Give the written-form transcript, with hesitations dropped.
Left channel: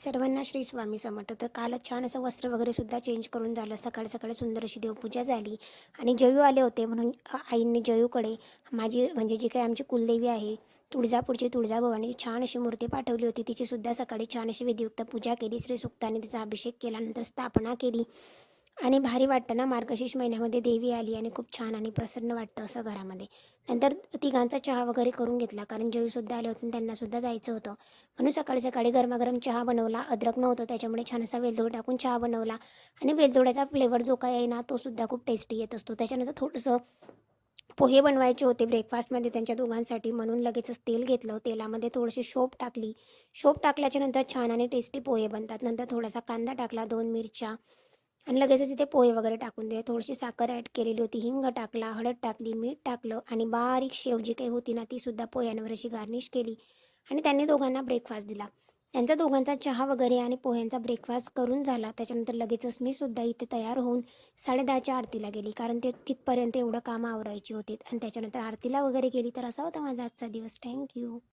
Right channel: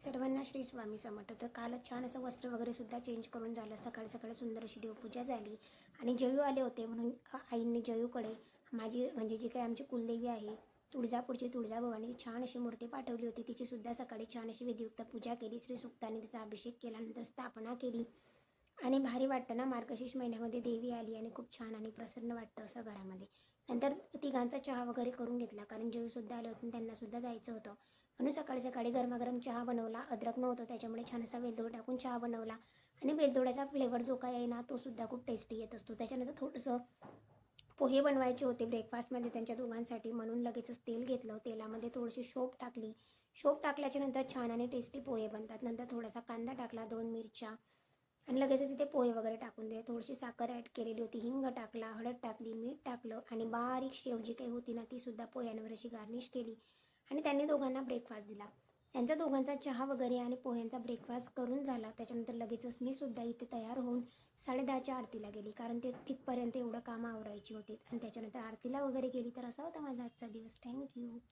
सर्वांना श्री स्वामी समर्थ. तर कालच छान असं वस्त्र वगैरे सुद्धा चेंज करून झालं. सकाळी सकाळी सुंदर अशी देवपूजा झाली आणि जयू आले होते म्हणून आईंनी जयूकडे माझी म्हणजे जी काही आमची कुलदेवी आहे तुळजापूरची तुळजाभवानी छान अशी मूर्ती पाठवली होती. तिची सुद्धा सकाळी छान अशी विधियुक्त पूजा केली. श्री सुक्ताने तिचा अभिषेक केला, नंतर स्थापना केली आणि भारी वाटतं ना, मार्गशीर्ष महिन्यामध्ये देवी आली आणि खूप छान आणि प्रसन्न वाटतं असं घरामध्ये. नंतर तिघांचा चहा वगैरे करून घेतला, कारण जयूसुद्धा आले होते आणि त्यांनासुद्धा जायचं होतं. म्हणून सकाळी सकाळी गरमागरम चहा बनवला. अद्रक नव्हतं त्याच्यामुळे छान असा वेलदोडा टाकून चहा बनवला आणि वेलदोड्याचा फ्लेवर जो काही आहे ना, तो सुद्धा खूप टेस्टी येत असतो. त्याच्यानंतर थोडंसं पोहे बनवायचे होते ब्रेकफास्टमध्ये त्यांच्या दोघांसाठी, म्हणून लगेचच तेल घेतलं. तेलामध्ये थोडीशी शोप टाकली. शोप टाकल्याच्या नंतर छान आणि टेस्टी पोहे बनतात. नंतर थोडासा कांदा टाकला, 2 मिरच्या आणि लगेचच इथे पोहे वगैरे टाकून दिले. थोडीशी साखर ॲड केलेली होती, हिंग टाकला, हळद टाकली, मीठ टाकलं आणि बारीक शेव जी काही होती ना, ती सुद्धा पोह्यांवर अशी गार्निश केली आणि त्यांनी दोघांना ब्रेकफास्ट दिला. त्यांचा दोघांचा चहा वगैरे आणि पोह्यांचा ब्रेकफास्ट करून झाला. त्याच्यानंतर लगेचच मी सुद्धा इथे तयार होऊन 10:30च्या आरतीला गेली, कारण ते तिथपर्यंत एवढं कामं आवरायची होती आणि त्याच्यानंतर आरतीला वगैरे गेली. तर असा होता माझा आजचा दिवस. थँक्यू.